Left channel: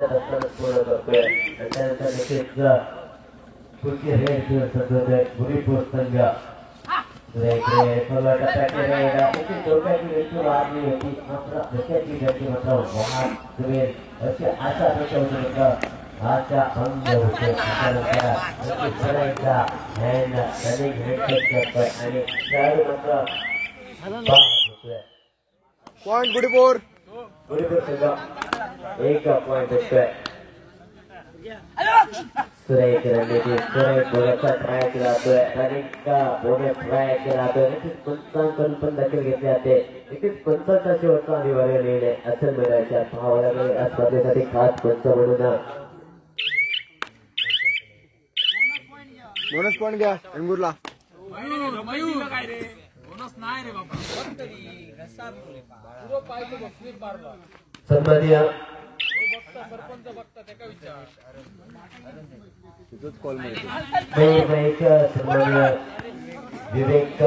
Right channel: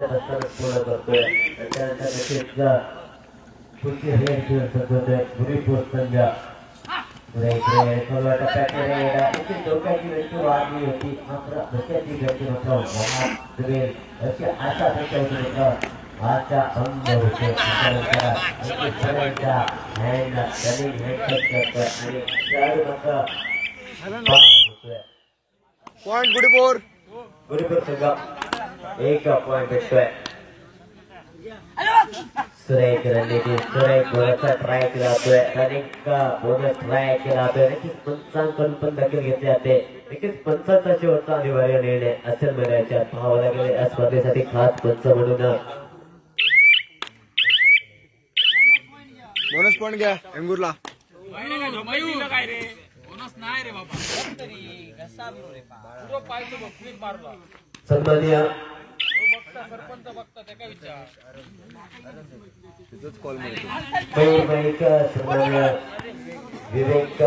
त्यानंतर नक्कीच पुढची रेड सजवतोय गुरीपूर संघ. डोक्याची व्यक्ती वाढली होती मात्र डोक्याची व्यक्ती मात्र अशी आशा होती आशा भंग होते. त्यानंतर हँड रनिंग हेडसेट करतोय आणि खेळाडू मात्र पॉइंट गुरीपूर संघ 1 पॉइंट भेटतोय. सुरेख रणनीती सुरेख बोलाचा ट्राय केला जातोय. रनिंग का बोनस ट्राय केला जातोय. नक्कीच पंचांकडून पण दखल घेतली जाते. नक्कीच पंचांचा शेवटचा अनिवार्य निर्णय असेल मिळायच्या पाहावं लागेल या स्पर्धेसाठी खास पंच म्हणून. बोनस पॉइंट घ्या एंगूरला. सन्माननीय विवेक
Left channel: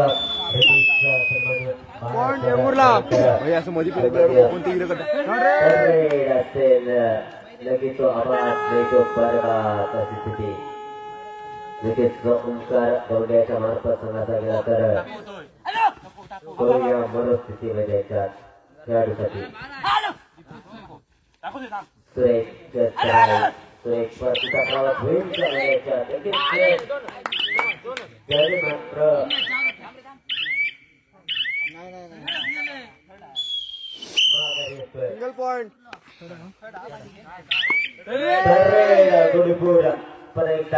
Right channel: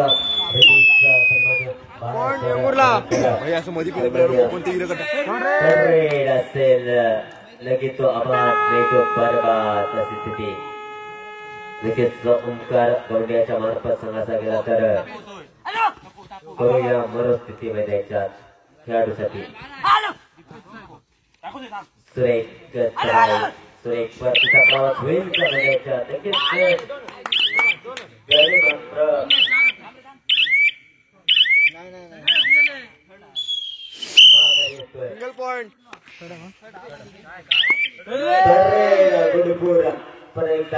असेल लगेच तो अपघात तो बरबाद अशी स्थिती. लगेच ओंकार गवड्याच्या मार्फत संघाचा गेला तर या मनस्थितीमध्ये खेळाडूसाठी सुरेख परतीचा प्रवास होईल का सिंगल पॉइंट गुरुपूर पर्यंत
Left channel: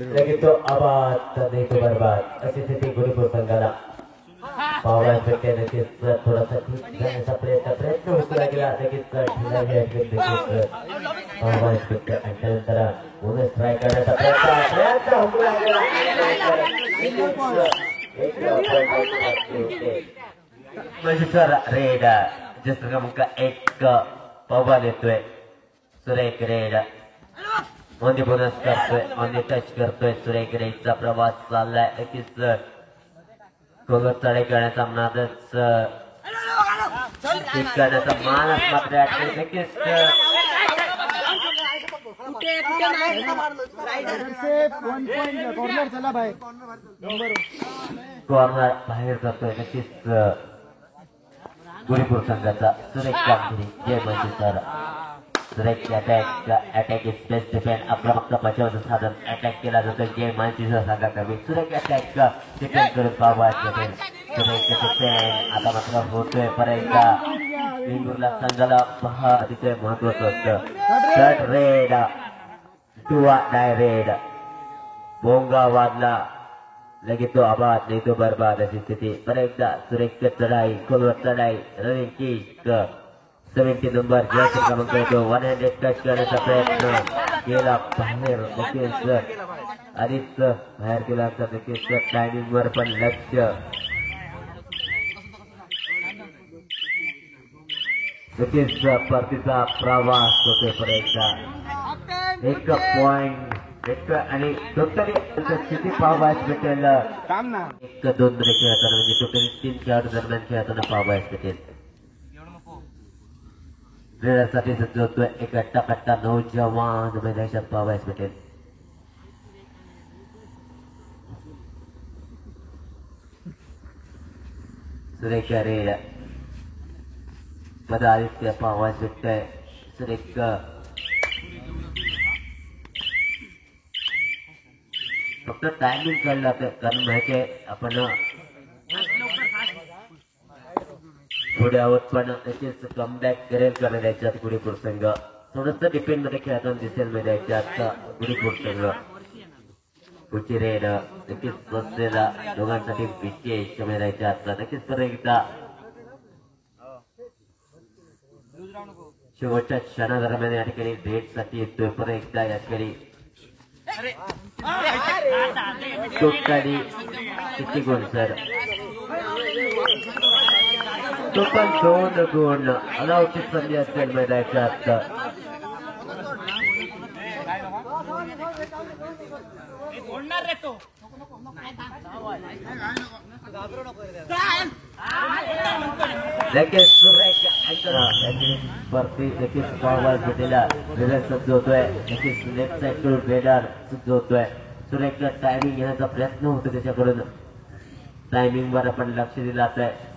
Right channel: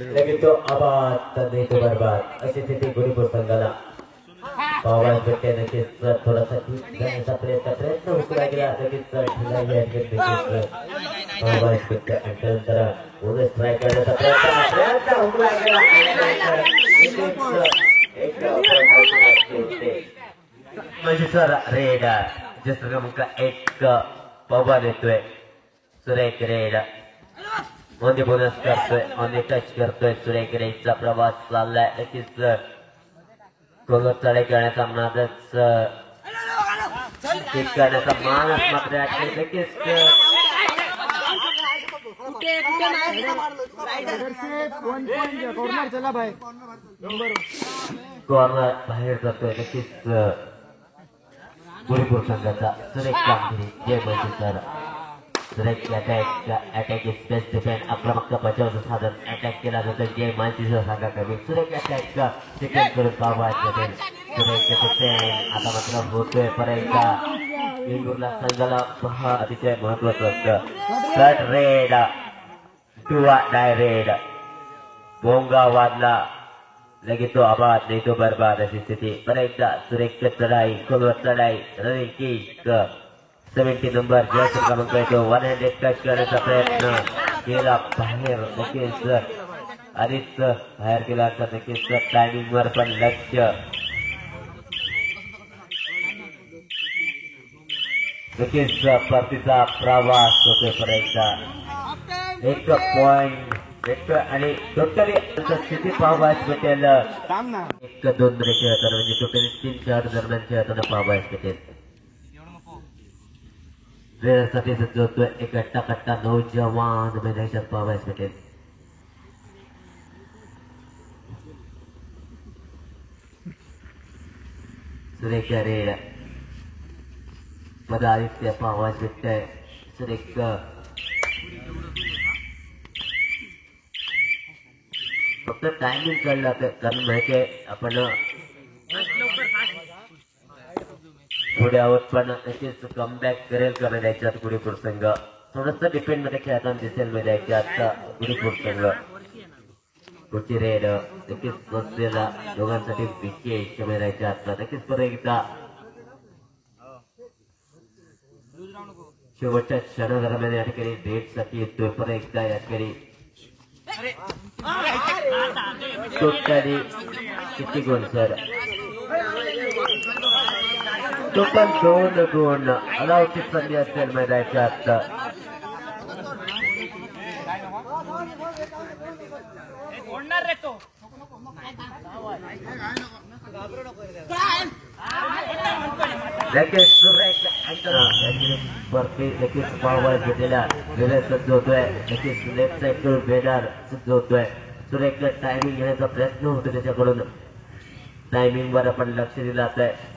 लगेच तो आबाद बरबाद अशी स्थिती गुरुपूर संघाला पावाज भेटते. नक्कीच थोडासा जाण्याचा प्रयत्न होता गेला. लगेच पावाज भेटते आणि त्यानंतर बोनस ट्राय करण्याचा प्रयत्न होता गेला. मजेश्वर रेड जस क्रमांक 1 पावाज येतोय. सुरेख रेड मध्ये बोनस करतोय मध्ये टच करतोय. सुरेख रेडचा प्रवास चाललाय. नक्कीच कोलर चढाई करण्याचा नादच करण्याचा माणूस मात्र नक्कीच कॉर्नर बाहेर जातोय. नक्कीच गुरुपूर संघाचा सुरेख कामगिरी. जय मंजेश्वर. सुरेख अटॅक इज बेस्ट डिफेंड. आक्रमक बचावाचं साधन अटॅक केला जातो. जय मंजेश्वर संघाकडे सुरेख अटॅक डिफेंड करून पाहावयास भेटेल. सुरेख डिफेंड आता मात्र होतोय पर्यंत इंगूरला संघाला पहा अतिशय महत्वाचं असतं. कट रेड किंवा डाय रेड भोंगा वाजला लगेच तो आबाद नाही तो बरबाद अशी स्थिती. पर्यंत सुरेख चढाई खोलवर चढाई रनिंग किक 70 नंबर जर्सी क्रमांक येतो. 100 टच करण्याचा प्रयत्न केला बाहेर. नक्कीच आधीच बाहेर केला तर नक्कीच टायमिंग वर पण लक्ष. नक्कीच परतीचा प्रवास होतोय पर्यंत 1 पॉइंट आणि टोटली स्थिती पाहावयास भेटेल. 1-2 मध्ये खेळताना म्हणजे टोटली 3 खेळाडू दरम्यान खेळताना पाहावयास भेटेल. रेडरसाठी सज्जवतोय एक कट्टा नौजवान मैदानात पाहावयास भेटेल. सुरेख रेड पदादित्य पाहावयास भेटतंय. सुरेख फक्त टायमिंग कळला कारण माहिती आपण पुढे आहोत पण नक्कीच कमबॅक करेल का मैदानात गुरुपूर संघ. थोडंसं डिपेंड मध्ये खेळताना दिसेल मैदानात गुरुपूर संघ. पुढची रेड नक्कीच बसलेला दोघांसाठी विशेष मैदानात नक्कीच परत एकदा शेवटच्या क्षणादरम्यान या ठिकाणी रेडसाठी येतोय. परत एकदा या ठिकाणी टोटली किती गुण सर टोटल 2 गुण अनावश्यक संधी असेल मैदानाच्या. लगेच सुरेख वरती लगेच पावभार घेतलेला वेळेस सज्ज होतोय. लगेच लेफ्ट साईड बेडार सज्ज होतोय. सुरेख टायमिंग घेण्याचा प्रयत्न होतो त्याच्याकडून. टायमिंग वर आपण लक्ष दिलं जात आहे.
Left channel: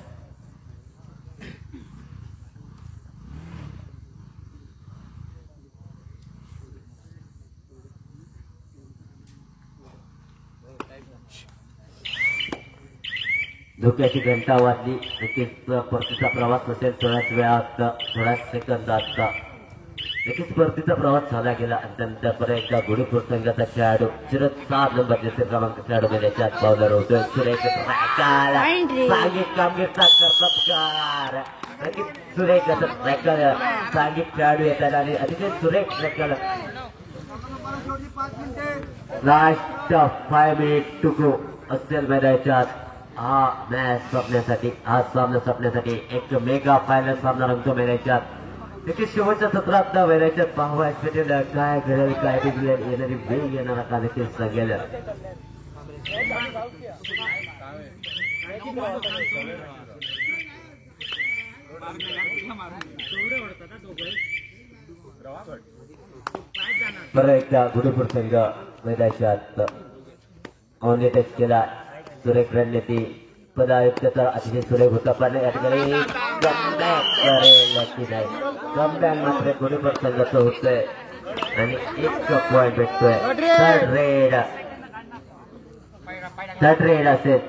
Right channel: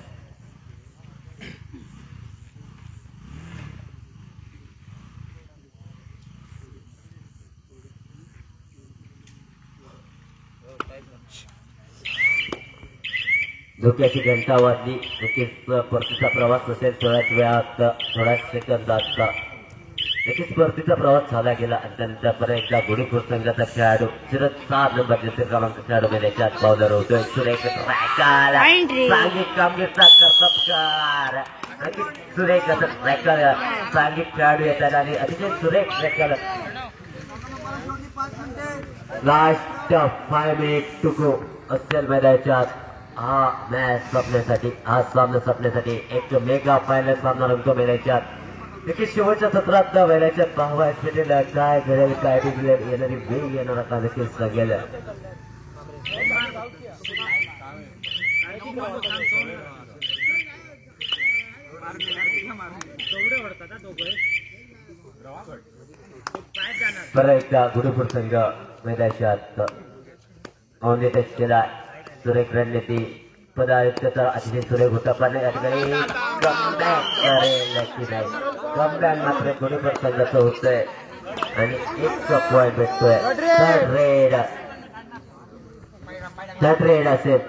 धोक्याची घंटा वाजली. नक्कीच परतीचा प्रवास असेल थोड्याच वेळात, थोड्याच सेकंदात. नक्कीच परतीचा प्रवास झाला गेला आणि त्यानंतर परत एकदा गुढीपूर संघाचा खेळाडू शरद 7 नंबर जसे क्रमांक खेळाडू त्याच्यात पावलं होतोय. सुरेख सांघिक कामगिरीचा कर्तबगार. नक्कीच सुरेख असं ट्रॅकर सांघिक खेळाडू येतात आणि अतिशय सुरेख ट्रॅकर. लास्ट 5 मिनिट टू गो असेल मैदानाच्या. हा मॅच संपण्यासाठी, हा सामना संपण्यासाठी एक मेगा फायनल सामना रंगतो मैदानाच्यात. नक्कीच शेवटच्या सत्रात मैदानाच्यात पाहायला काय घडेल, काय बिघडेल, येणारी वेग येणारा का नक्कीच सांगेल. परत एकदा गुढीपूर संघ मैदानाच्यात औंधे टच केला. सुरेख रणनीती पदार्थाचा अतिशय सुरेख होता पण या ठिकाणी कमबॅक मात्र गुढीपूर संघाचं होतोय आणि 1 पॉइंट भेटतोय. थर्ड रेड असेल.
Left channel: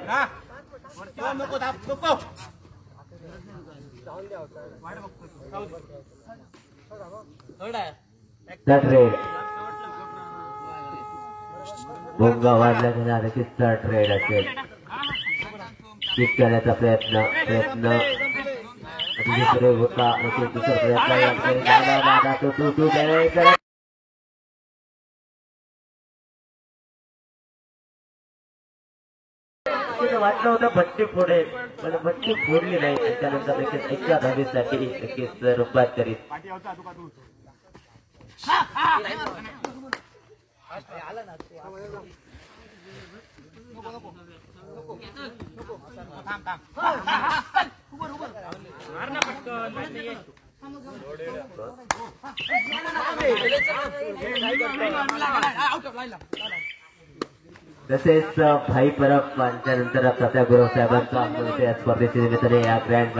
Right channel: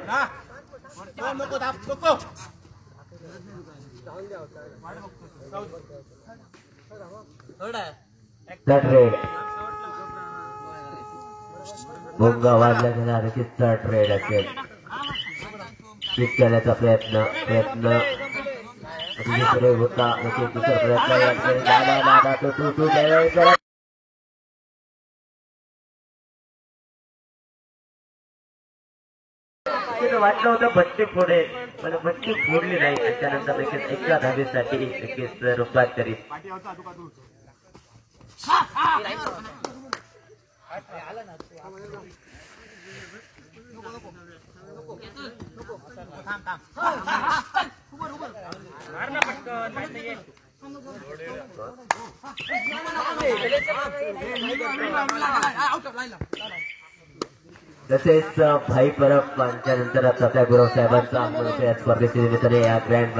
थर्ड रेड भोंगा वाढला गेला. नक्कीच थर्ड रेड असेल. किक करण्याचा प्रयत्न अतिशय सुरेख होता. नक्कीच दुसरा प्रयत्न वाटलं होतं भट्टी फोडेल पण भट्टी फोडली नाही. त्याच्यानंतर नक्कीच एका धावेसाठी नक्कीच रूपांतरित. तसेच भाई परब यांच्यानंतर प्रत्या गुरव साहेबांचा स्पर्धेच्या निमित्ताने या ग्रँड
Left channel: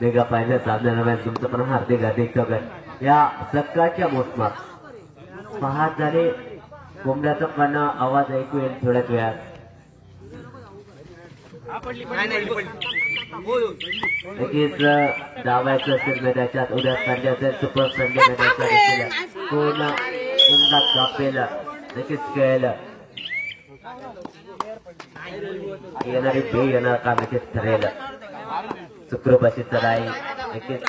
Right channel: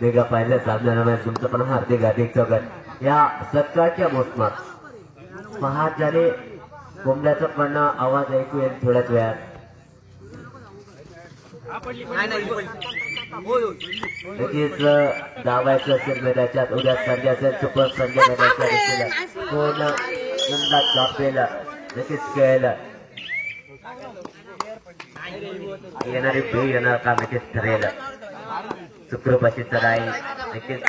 मेगा फायनल सामन्यादरम्यान तुमचं पण हार्दिक स्वागत. या सकाळच्या मोसमात पहाट झाले. कोंबड्याचा पण आवाज ऐकू येईल थोड्याच वेळात. नक्कीच धावायचं असेल मैदानाच्यात. उद्या संडे असेल, सुपर संडे मैदानाच्या कोण झोपेल नक्कीच खेळेल. येणारी भेट येणार का नक्कीच ठरेल. सुखरूपाची चढाई नक्कीच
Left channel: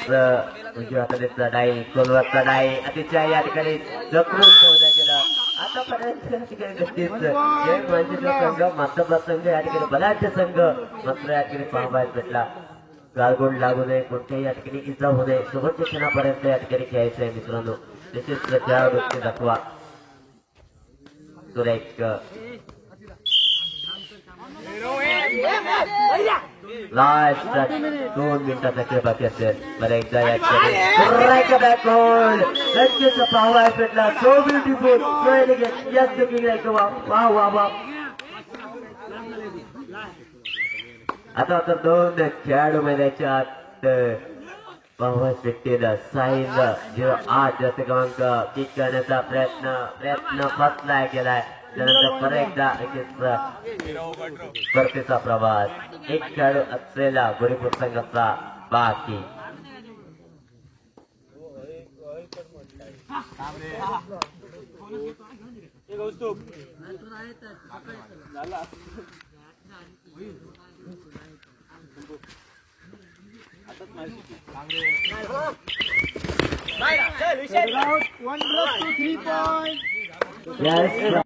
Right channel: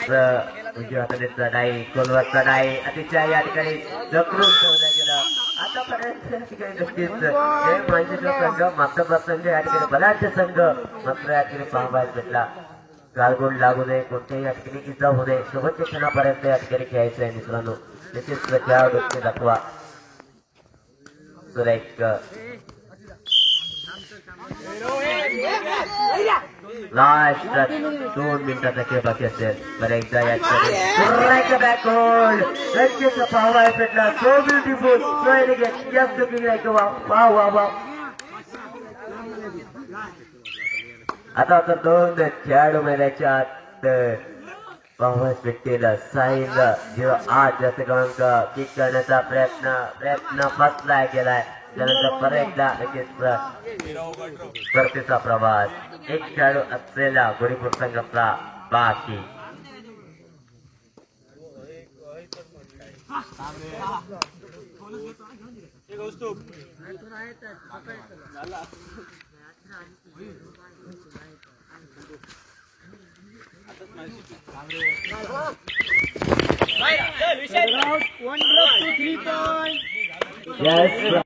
उजव्या हाताने चढाई, खोलवर चढाई अतिशय या ठिकाणी जखरून ठेवलं गेलं. आतापर्यंत नक्कीच मांजर संघ मात्र संघ या ठिकाणी बलाढ्य संघ मात्र या ठिकाणी पाहायला भेटला. गालगोल लागू नये, कोणत्याही या ठिकाणी इजा होऊ नये, शेवटच्या क्षणापर्यंत या ठिकाणी खेळायचं आहे मित्रांनो. तसेच खेळाडूचे दाखवा. सुरेख लास्ट 2 मिनिटाचा खेळ बाकी असेल. बरं एकदा या नक्कीच पाहायला भेटला. सो ब्युटिफुल, सो एलिगंट, जास्त लुकिंग वा वा वा. आता 2 खेळाडू मैदानाच्या आत पाहायला भेटतील. साहिल 08 जास्त क्रमांक किक करण्याचा प्रयत्न फसला गेलाय. त्यानंतर परत एकदा स्पर्धेचा प्रवास. एक खेळाडू असलेला गुढीपूर संघाचा बाकी. Yes.